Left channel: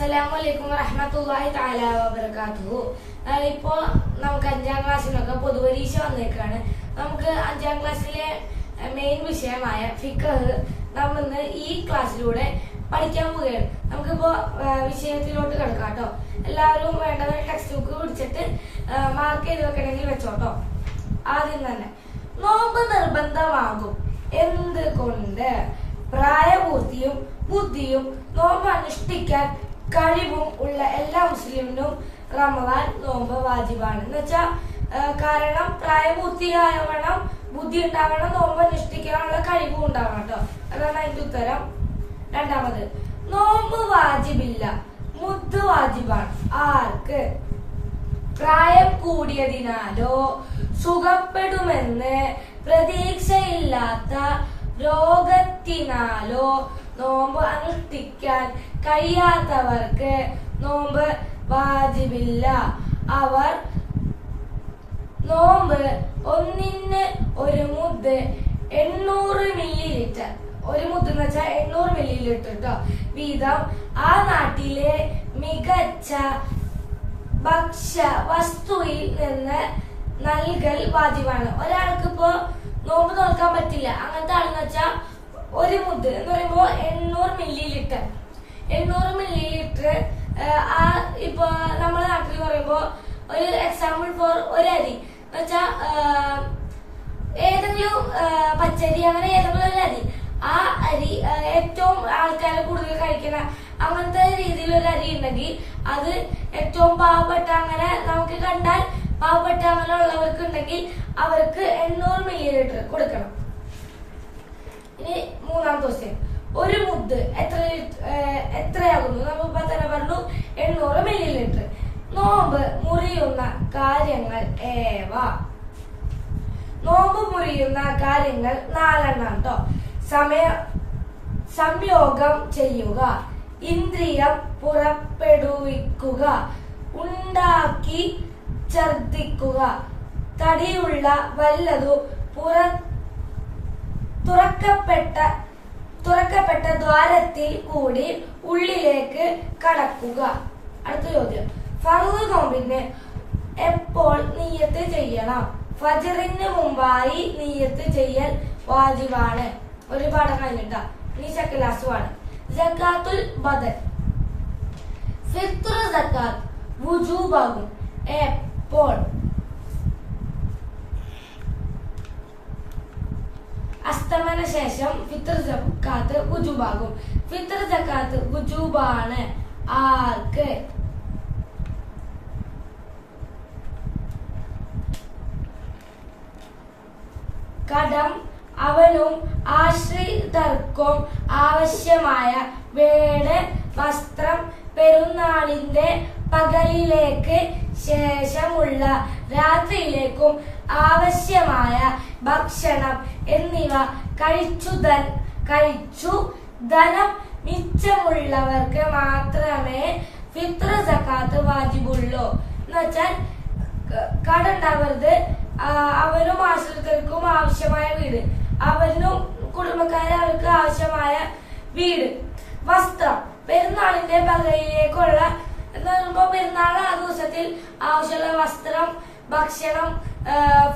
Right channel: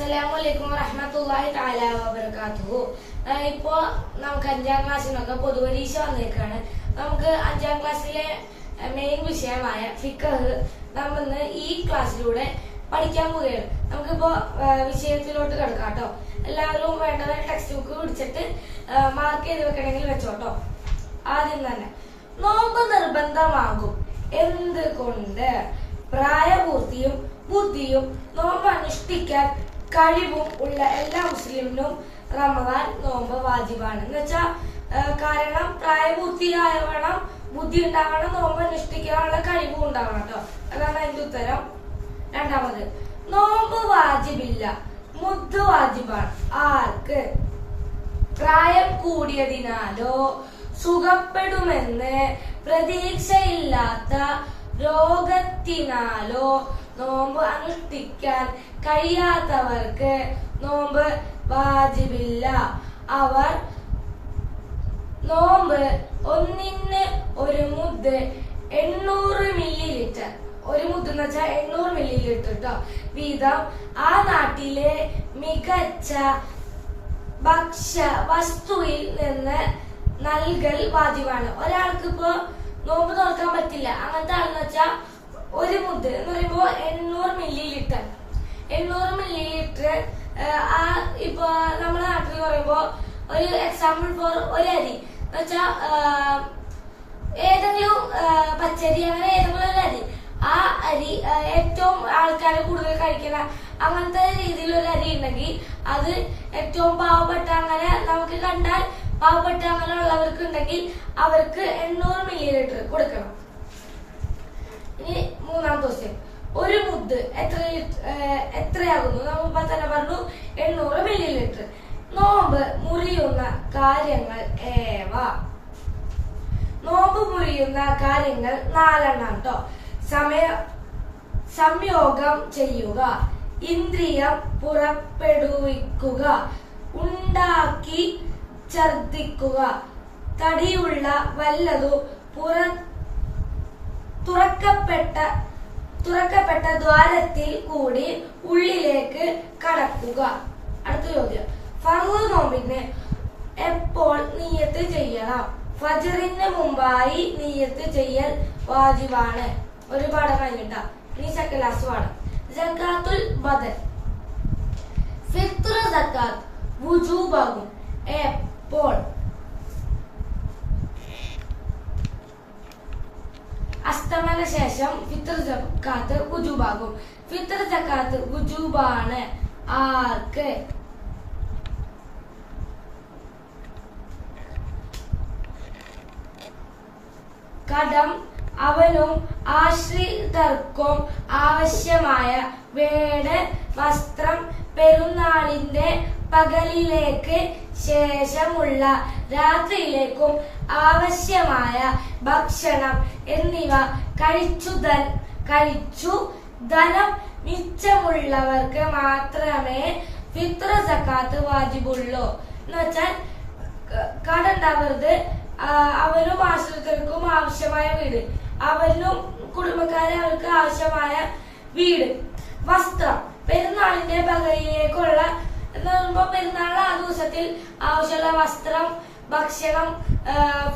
അസ്സലാമലൈക്കും വറഹ്മത്തുള്ളാഹി തആല വബറകാതുഹു. ഇപ്പോ നമുക്ക് 5ാം ക്ലാസ്സിലൊക്കെ പൊതുപരീക്ഷ വന്നേക്കാണ്. നമുക്ക് 5ാം ക്ലാസ്സിലെ മെയിൻ വിഷയമായ ഫിഖ് നമ്മൾ ഈ ക്ലാസ്സിലൂടെ പഠിക്കാൻ പോവുകയാണ്. നമുക്കിപ്പോ വിഷയത്തിലോട്ട് കിടക്കാം കേട്ടോ. എല്ലാവരും വേണ്ടവർ ടെക്സ്റ്റ് ബുക്ക് പിടിച്ചിട്ട് മാർക്ക് ചെയ്ത് വെക്കണമെങ്കിൽ വെച്ചോട്ടോ. ആദ്യം തന്നെ നോമ്പ് നിർബന്ധമാകും എന്തുകൊണ്ട്? പ്രായപൂർത്തിയും ബുദ്ധിയും നോമ്പ് അനുഷ്ഠിക്കാൻ കഴിവും ഉള്ള എല്ലാ മുസ്ലിമിനും റമദാൻ നോമ്പ് വാജിബാണ്. എന്ന് വെച്ചാൽ കാരണം പ്രായപൂർത്തിയാവണം, ബുദ്ധി ഉണ്ടാവണം, നോമ്പ് അനുഷ്ഠിക്കാനുള്ള കഴിവും ഉണ്ടാവണം കേട്ടോ. അതാണ് അതിന്റെ ഉത്തരം. രണ്ടാമത്, നോമ്പ് വാജിബില്ല, മുദ് വാജിബാണ്. ആർക്ക്? പ്രായം കൂടിയതിനാലോ സുഖപ്പെടുമെന്ന് പ്രതീക്ഷയില്ലാത്ത രോഗത്തിനാലോ നോമ്പ് അനുഷ്ഠിക്കാൻ കഴിയാത്തവർക്ക് നോമ്പ് വാജിബില്ല. അവർ നോമ്പ് ഒന്നിന് ഒരു മുദ് 800 മില്ലി ഒരു മുദ് എന്ന് വെച്ചാൽ 800 മില്ലി കേട്ടോ വീതം ആ നാട്ടിലെ മികച്ച ഭക്ഷ്യ വസ്തുവിൽ നിന്ന് നൽകൽ വാജിബാണ്. ഒരാൾക്ക് ഇപ്പോ നോമ്പ് നോക്കാൻ പറ്റില്ല, അങ്ങനത്തെ ആളെന്ന് വെച്ചാൽ ഒരു മുദ് എന്ന് പറയുമ്പോ 800 മില്ലി ലിറ്റർ ആ ഇപ്പൊ നമ്മുടെ നാട്ടിൽ പറയുമ്പോ ഒരു എക്സാമ്പിൾ ഫോർ ഒരു അരി എന്ന് വെച്ചാ ഏതെങ്കിലും പച്ചരി, അങ്ങനെ ഏതെങ്കിലും ഒരു അരി, ആ അരി ഏറ്റവും ആൾക്കാരെ കൂടുതൽ കഴിക്കണ അങ്ങനത്തെ രീതിയിൽ ഒരു അരി ഉണ്ടെങ്കിൽ അത് ഏറ്റവും പാവപ്പെട്ട, അങ്ങനെ നമുക്ക് കണ്ടാൽ പാവപ്പെട്ട അങ്ങനെ ഉള്ളവർക്ക് ഉണ്ടെങ്കിൽ അവർക്ക് 800 മില്ലി ലിറ്റർ കൊടുക്കണം. ഇനി മൂന്നാമത്തെ ക്വസ്റ്റ്യൻ, ഒരു മുദ് എത്രയാകുന്നു? നമ്മളിപ്പോ തന്നെ പറഞ്ഞു 800 മില്ലി ലിറ്റർ. നോമ്പ് മുറിയുന്ന കാര്യങ്ങൾ ഏവ? നോമ്പ് മുറിയുന്ന കാര്യങ്ങൾ 4 കേട്ടോ. സംയോഗം ചെയ്യുക, ഇന്ദ്രിയം പുറപ്പെടുവിക്കുക, ഉണ്ടാക്കി ഛർദിക്കുക, തടിയുള്ള വല്ലതും തുറക്കപ്പെട്ട ദ്വാരത്തിൽ കൂടി ഉള്ളിലേക്ക് കടക്കുക. അടുത്ത ചോദ്യം, ഫർള് നോമ്പിന് എപ്പോൾ നിയ്യത്ത് ചെയ്യണം? ഫജ്റിന് മുമ്പായി നിയ്യത്ത് ചെയ്യൽ വാജിബാണ്. ഒരു പാഠം കഴിഞ്ഞിട്ടാ. ഇനി സെക്കൻഡ് ലാസ്റ്റ് പാഠം, സക്കാത്തുൽ ബദൻ. ഫിത്ർ സക്കാത്ത് വുജൂബാകും എപ്പോൾ? അസ്തമന ശേഷം ഫിത്ർ സക്കാത്ത് വുജൂബാകും. ഫിത്ർ സക്കാത്ത് വുജൂബാണ് ആർക്ക്? കടം അവനും ആശ്രിതർക്കും ആവശ്യമായ വീട്, വസ്ത്രം, പെരുന്നാളിന്റെ പകലിലേക്ക് ശേഷമുള്ള രാത്രിയിലേക്കും ആവശ്യമായ ഭക്ഷണം എന്നിവ കഴിച്ചു ധനം മിച്ചമുള്ളവർക്ക് മാത്രമേ ഫിത്ർ സക്കാത്ത് വാജിബുള്ളൂ. എന്ന് വെച്ചാൽ കടണ്ടാവരുത്, അവനും ആശ്രിതർക്കും ആവശ്യമായ വീട്, അവനും കുടുംബക്കാരെ അവർക്ക് ആവശ്യമായ വീട്, വസ്ത്രം, പെരുന്നാളിന്റെ പകലിലേക്കുള്ള എന്ന് പറയുമ്പോ പെരുന്നാൾ ആ ദിവസത്തിൽ ആവശ്യമുള്ള വസ്ത്രം, ഭക്ഷണം,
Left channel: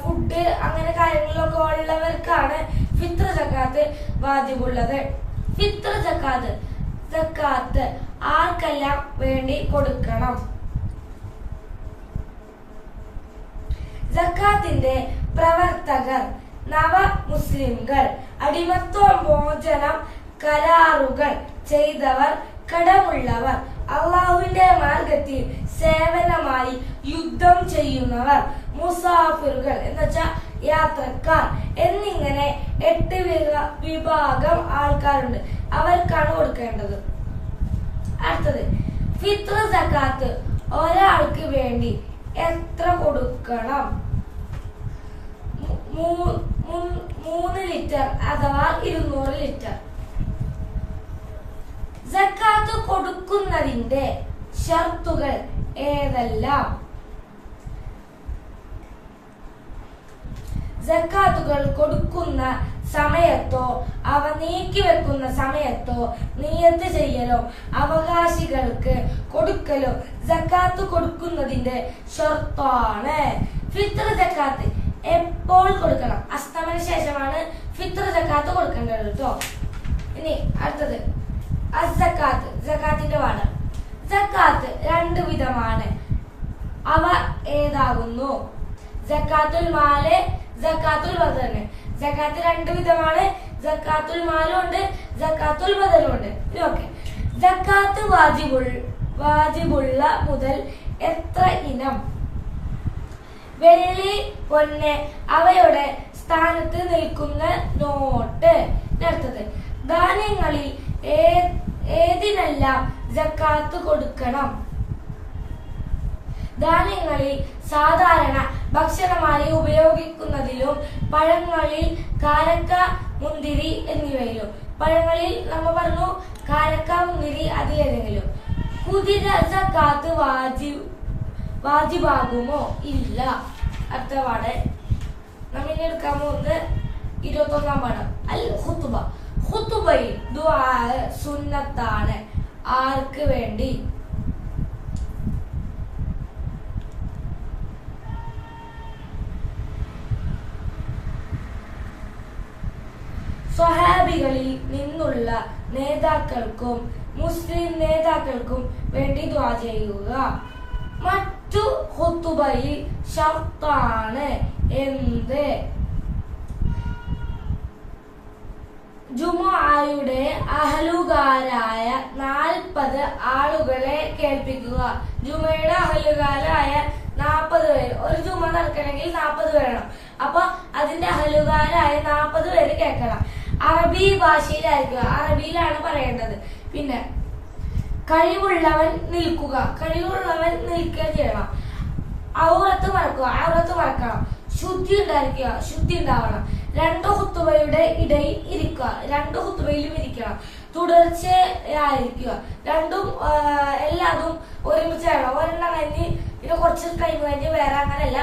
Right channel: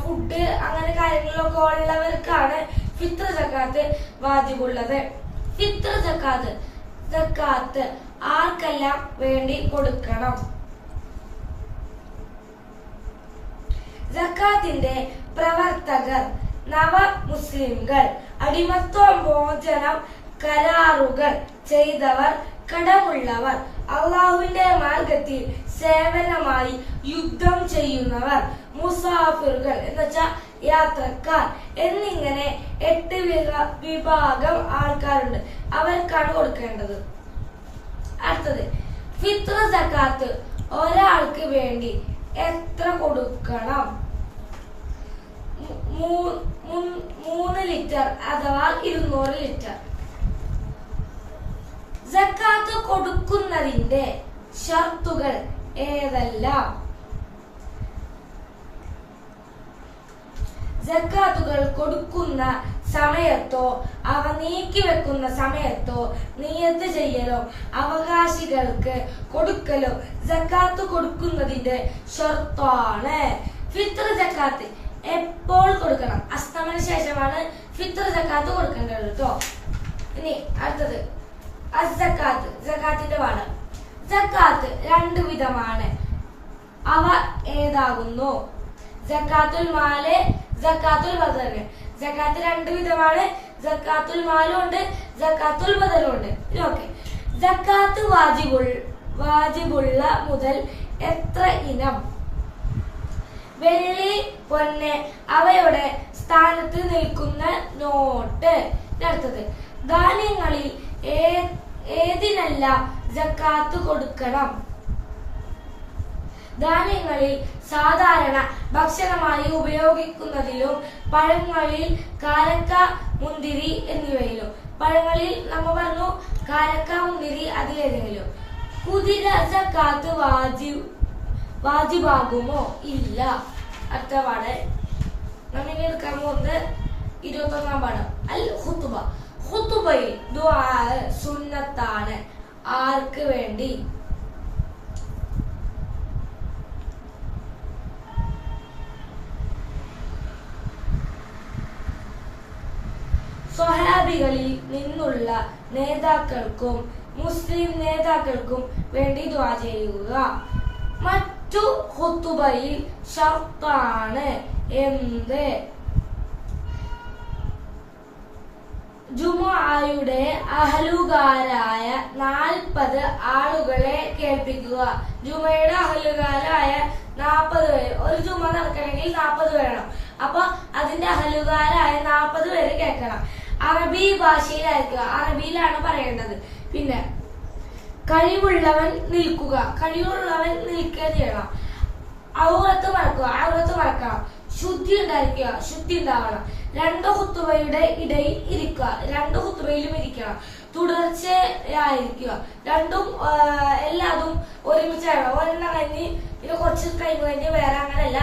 ഫുഡ്, അങ്ങനെ കാര്യങ്ങളിലൊക്കെ ഉള്ളവർക്കാണ് ഫിത്ർ സക്കാത്ത് വാജിബുള്ളത്. ഫിത്ർ സക്കാത്ത് ആർക്കെല്ലാം വേണ്ടി കൊടുക്കണം? സക്കാത്തിന്റെ പ്രവർത്തകർ, നവ മുസ്ലിംകൾ, അടിമത്വ മോചനം കരാറുകൾ ചെയ്തവർ, കടമുള്ളവർ, അള്ളാഹുവിന്റെ മാർഗത്തിൽ സേവനമായി യുദ്ധം ചെയ്യുന്നവർ, മുസാഫിറുകൾ എന്ന് വെച്ചാൽ യാത്രക്കാർ എന്നിങ്ങനെ 8 വിഭാഗം ആൾക്കാരുണ്ട്. അവർക്കാണ് കൊടുക്കേണ്ടത്. അടുത്തത്, ഫിത്ർ സക്കാത്ത് ഒരാൾക്ക് വേണ്ടി എത്ര കൊടുക്കണം? 3 ലിറ്റർ അഥവാ 200 ലിറ്റർ. സക്കാത്ത് കൊടുക്കുന്നതിന്റെ ഷർത്തുകൾ ഏതെല്ലാം? സക്കാത്തുകൾ കൊടുക്കുന്ന സമയത്തോ അവ നീക്കിവെക്കുന്ന സമയത്തോ നിയത്ത് ചെയ്യലോ അവകാശ അവകാശികൾക്ക് കൊടുക്കലോ സക്കാത്ത് കൊടുക്കുന്നതിന്റെ ഷർത്താണ്. ഫിത്ർ സക്കാത്ത് എപ്പോൾ കൊടുക്കണം? അസ്തമന ശേഷമാണ് ഫിത്ർ സക്കാത്ത് കൊടുക്കേണ്ടത് കേട്ടോ. ഇനി അടുത്തത് അസ്സക്കാത്ത്, സക്കാത്തിന്റെ പാഠം. സക്കാത്ത് രണ്ട് വിധമാണ്. അവ ഏതാകുന്നു? സക്കാത്തുൽ മാല്, സക്കാത്തുൽ ബദന്. സക്കാത്ത് രണ്ട് വിധമാണ്. സക്കാത്തുൽ മാലും ഉണ്ട്, സക്കാത്തുൽ ബദനും ഉണ്ട്. ഓക്കെ. സക്കാത്ത് വാജിബുള്ള മുതൽ എത്ര ഇനം? വെള്ളി, പൊന്ന് അവയുടെ സ്ഥാനത്ത് നിൽക്കുന്ന നോട്ട്. അടുത്തത് ധാന്യങ്ങളിൽ ഏതിനെല്ലാം സക്കാത്ത് കൊടുക്കണം? ധാന്യങ്ങളിൽ സാധാരണ ഭക്ഷണമായി ഉപയോഗിക്കുന്നതിലും പഴങ്ങളിൽ കാരക്ക, മുന്തിരി എന്നിവയിലും. പഴങ്ങളിൽ നമ്മ പറഞ്ഞു കാരക്ക, മുന്തിരി അതിലേതെങ്കിലും. കുതിര സക്കാത്ത് വാജിബാകുമോ? ഇല്ല. അടുത്ത പാഠം നമ്മിനെ എടുക്കാൻ പോകുന്നത് 21-ാം പാഠം. അൽ ഖുതുബ. ഖുതുബയിൽ ദുആ സുന്നത്താണ്. ആർക്ക് വേണ്ടി? സ്വഹാബികളിൽ നിന്നുള്ള നേതാക്കൾക്കും മുസ്ലിം നേതാക്കൾക്കും വേണ്ടി ദുആ ചെയ്യുക. മറ്റു ഖുതുബയിൽ ഷർത്താണ്. എന്ത്? ജുമുഅയുടെ അഹലുകാരായ 40 ആളുകളെ കേൾപ്പിക്കുക. ജുമയുടെ അഹലുകാരായ 40 പേര്. ഒരു ജുമ നടക്കണമെങ്കിൽ 40 വേണം. അപ്പൊ അതിന്റെ അഹലുകാരായ 40 പേര് കേൾക്കണം. അറബി ഭാഷയിലായിരിക്കുക. അറബിയിലാണ് പറയേണ്ടത്. പിന്നെ കഴിവുള്ളവൻ നിൽക്കുക. കഴിവുള്ളവൻ നിൽക്കുക ചെയ്യണം. ഔറത്ത് മറക്കണം. ശുദ്ധി ഉണ്ടായിരിക്കുക. ശുദ്ധി ഉണ്ടാവണം. രണ്ട് ഖുതുബയുടെ ഇടയിൽ ഇരിക്കുക. രണ്ട് ഖുതുബയിലും ഇരിക്കണം. തുടർച്ചയായിരിക്കുക. രണ്ടും എല്ലാതും ഒരുമിച്ചാണ്. ഒരെണ്ണം കഴിഞ്ഞ് പിന്നെ കുറച്ച് ടൈം കഴിഞ്ഞ് വേറെ, അങ്ങനെയല്ല.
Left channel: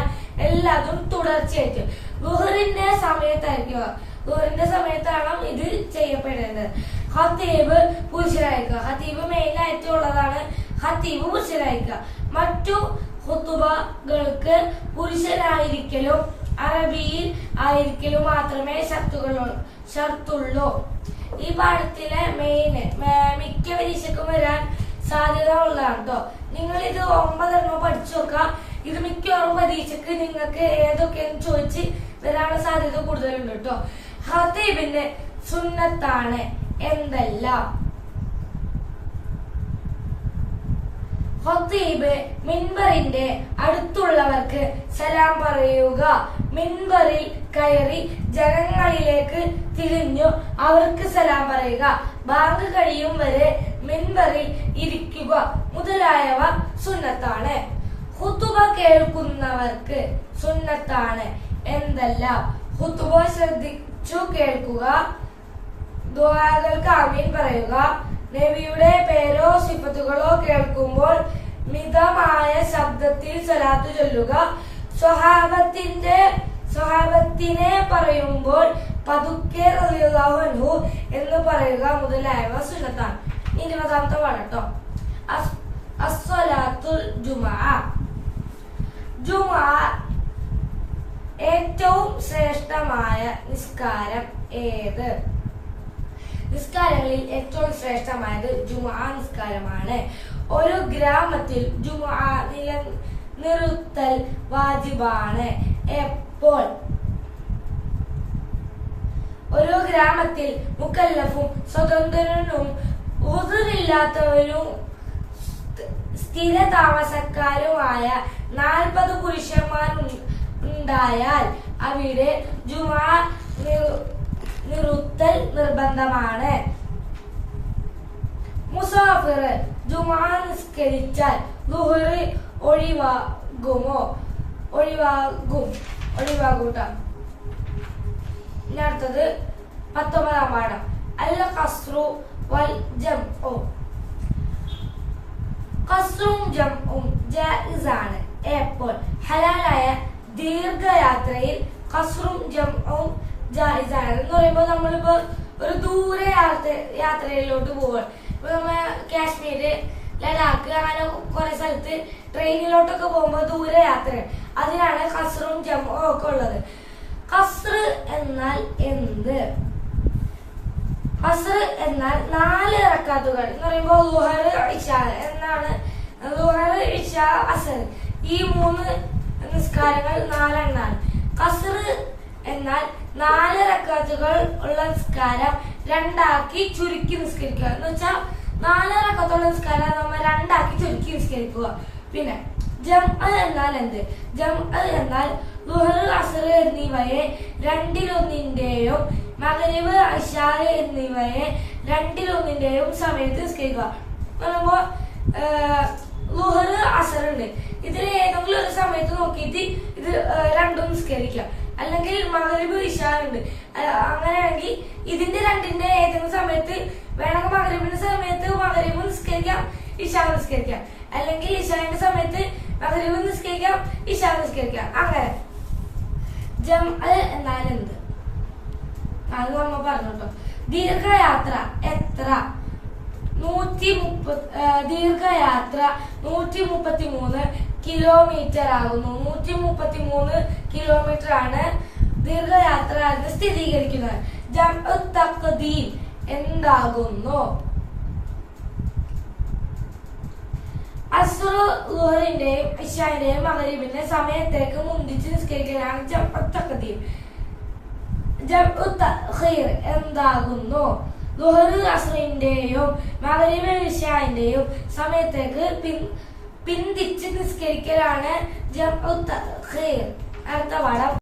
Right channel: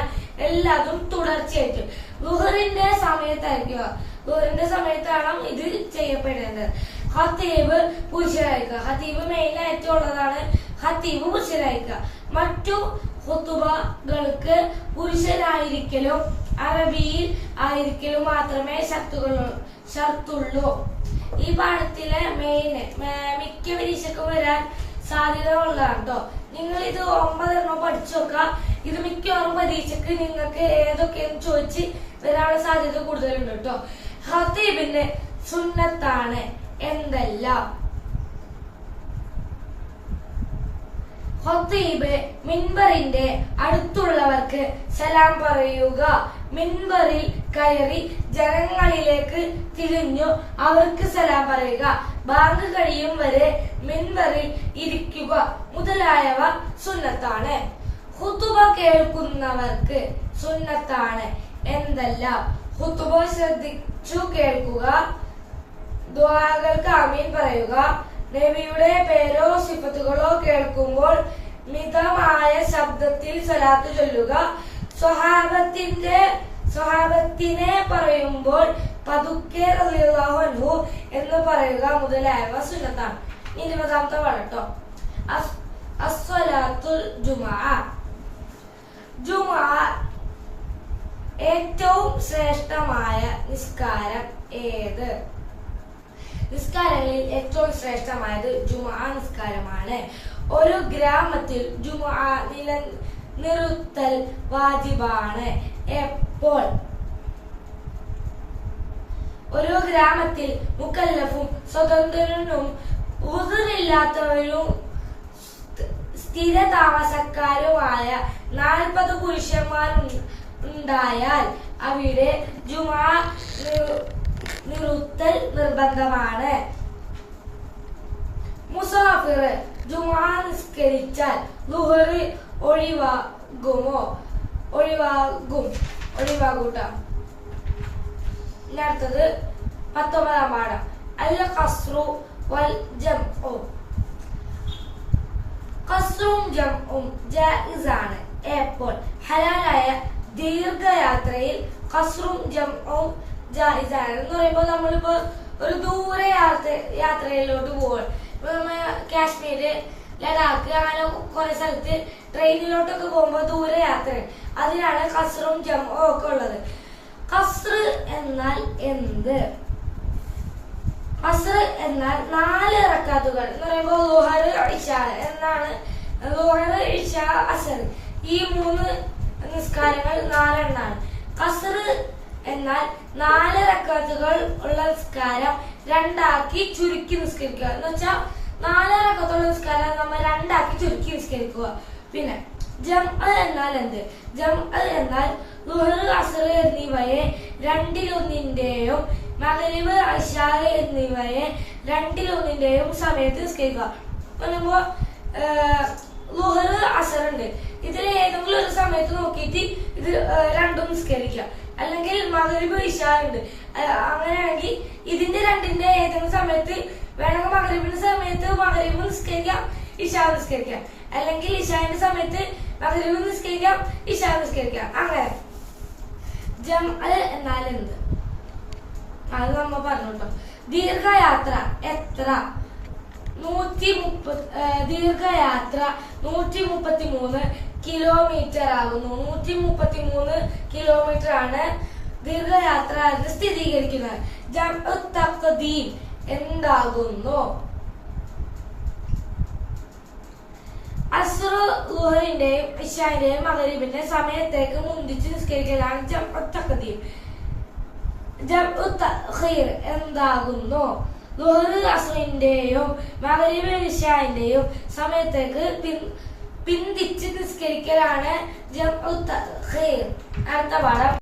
എല്ലാതും തുടർച്ചയായിരിക്കും. ളുഹറിന്റെ സമയത്തായിരിക്കുക. ളുഹറിന്റെ സമയത്താണ് ഇത് ചെയ്യപ്പെടേണ്ടത്. ഖതീബ് പുരുഷനായിരിക്കുക. ഖതീബ് മെയിനായിട്ടുള്ളതാണ്. ഖതീബ് പുരുഷനായിരിക്കുക. മറ്റു ഖുതുബകൾക്ക് പുരുഷനായിരിക്കലും അറബിയിൽ ആയിരിക്കലും മാത്രമേ ഷർത്തുള്ളൂ. ഈ പാഠത്തിലെ മിക്ക പരീക്ഷയ്ക്കും വരാൻ സാധ്യത ഉള്ളതാണ് കേട്ടോ. നിങ്ങൾ ഇത് 9 എണ്ണം പഠിച്ചു നോക്കുക. ഇത് മിക്കവാറും പരീക്ഷയ്ക്ക് നിങ്ങൾക്ക് ഏതൊക്കെയെന്ന് ചോദിച്ച് വരാനുള്ള സാധ്യത കൂടുതലുണ്ട് കേട്ടോ. ഖതീബിന്റെ സുന്നത്താണ് എന്തെല്ലാം? ഖതീബ് മിൻബറിന്റെ അടുത്തുള്ളവർക്ക് സലാം പറയുക. മിൻബറിൽ കയറി ജനങ്ങളിലേക്ക് തിരിഞ്ഞു അവർക്ക് സലാം പറയുക. ബാങ്ക് കഴിയും വരെ മിൻബറിൽ ഇരിക്കുക മുതലായവ സുന്നത്താണ്. ഖുതുബ കേൾക്കുന്നവർക്ക് സുന്നത്താണ് എന്തെല്ലാം? ഖുതുബ ശ്രദ്ധിച്ചു കേൾക്കുക. ദുആകൾക്ക് ആമീൻ പറയുക. നബിയുടെ പേരോ സിഫത്തുകളോ കേൾക്കുമ്പോൾ മിതമായ ശബ്ദത്തിൽ സ്വലാത്ത് ചൊല്ലുക. സ്വഹാബത്തിനെ പറയുമ്പോൾ പതുക്കെ റളിയല്ലാഹു അൻഹു എന്ന് പറയുക മുതലായവ സുന്നത്താണ്. 20-ാമത്തെ പാഠട്ടോ. അസ്സലാത്തുൽ ജുമുഅ. ജുമുഅ ഏറ്റവും ശ്രേഷ്ഠമായ നിസ്കാരം ഏത്? നിസ്കാരങ്ങളിൽ ഏറ്റവും ശ്രേഷ്ഠമായത് ജുമുഅ നിസ്കാരമാണ്. ഒരു ഗ്രാമത്തിൽ ജുമുഅ നിലനിർത്തൽ വാജിബാണ്. എപ്പോൾ? ഒരു ഗ്രാമത്തിൽ മുക്കല്ലഫും സ്വതന്ത്രനും ഉദറില്ലാത്തവരും സ്ഥിര താമസക്കാരുമായ 40 പുരുഷന്മാരുണ്ടായാൽ അവിടെ ജുമുഅ നിർത്തൽ നിർബന്ധമാണ്. മുസാഫിർ ജുമുഅ നിസ്കരിച്ചാൽ ളുഹർ ഒഴിവാകൂട്ടോ. അടുത്തത് 19-ാം പാഠം. അൽ ഖസ്റു വൽ ജംഉ. ഖസ്റും ജംഉം ജായിസാണ്. എപ്പോൾ? ഹലാലായ ദീർഘയാത്രയിൽ ഖസ്റും ജംഉം ജായിസാണ്. എന്ന് പറയുമ്പോൾ നമ്മളിപ്പോ ഒരു ദൂര യാത്രയിലോട്ട് പോവാൻ, ഇപ്പൊ നമ്മ കാശ്മീര് ലഡാക്ക് അങ്ങനെ കുറെ സ്ഥലത്ത് ട്രെയിനിലോട്ടൊക്കെ പോകുമ്പോൾ ദൂരെ യാത്ര, അതിനാണ് കസ്റും ജംഉം ഒക്കെ ഉള്ളത്. കസ്ർ എന്നാൽ എന്ത്? കസ്ർ എന്നാൽ 4 റക്അത്തുകൾ എന്ന് പറയുമ്പോൾ ളുഹർ, ഇശ എന്നാണ്. ളുഹർ, ഇശ, അസർ ഈ 3 നിസ്കാരങ്ങൾ 4 എണ്ണാണ്. കസ്ർ എന്നാൽ 4 റക്അത്തുകൾ ഉള്ള നിസ്കാരം 2 ആക്കി ചുരുക്കി നിസ്കരിക്കുക. എന്ന് വെച്ചാൽ 4 റക്അത്തുള്ള നിസ്കാരം നമ്മൾ 2 ആക്കി ചുരുക്കി നിസ്കരിക്കുക. പിന്നെ ജംഅ എന്നാൽ എന്ത്? ജംഅ എന്നാൽ ളുഹർ, അസർ എന്നിവയെ 2-1 മഗ്രിബ്, ഇശാ എന്നിവയെ 2-1 സമയത്ത് നിസ്കരിക്കുക. പറയുമ്പോ ളുഹർ, അസർ ഉണ്ട്, ഇതിൽ ഏതെങ്കിലും ഒരു സമയത്ത് നോക്കിയിട്ട് ഇത് രണ്ടും നിസ്കരിക്കാം. അല്ലെങ്കിൽ മഗ്രിബ്, ഇശാ ഉണ്ട്, അങ്ങനെയാണെങ്കിൽ ഇതിന്റെ രണ്ടിന്റെ ഏതെങ്കിലും സമയത്ത് വേണമെങ്കിൽ മഗ്രിബിന്റെ സമയത്ത് മഗ്രിബ് നിസ്കരിക്കാം, ഇശാ നിസ്കരിക്കാം. അല്ലെങ്കിൽ ഇശാന്റെ സമയത്ത് മഗ്രിബ് നിസ്കരിക്കാം, ഇശാ നിസ്കരിക്കാം. അങ്ങനെ ജംഅ എന്നാൽ എന്ത്? അത് നമ്മ പറഞ്ഞു കേട്ടോ. ദീർഘയാത്ര എത്ര? 130. ദീർഘയാത്ര 133 കിലോമീറ്റർ ആകുന്നു. 133 കിലോമീറ്റർ ആണ് ദീർഘയാത്ര എന്ന് സ്ഥിരീകരിക്കുന്നത്. ജംഉ തഖ്ദീം എന്താകുന്നു? അസ്ർ, ളുഹറിന്റെയും ഇശാന്റെയും മഗ്രിബിന്റെ സമയത്തേക്ക് മുന്തിച്ച് നിസ്കരിക്കലാണ് ജംഉ തഖ്ദീം. ജംഉ തഖീർ എന്താകുന്നു? ളുഹർ, അസ്റിന്റെയും മഗ്രിബ്, ഇശാന്റെയും സമയത്തേക്ക് പിന്തിച്ച് നിസ്കരിക്കലാണ് ജംഉ തഖീർ. അടുത്ത പാഠം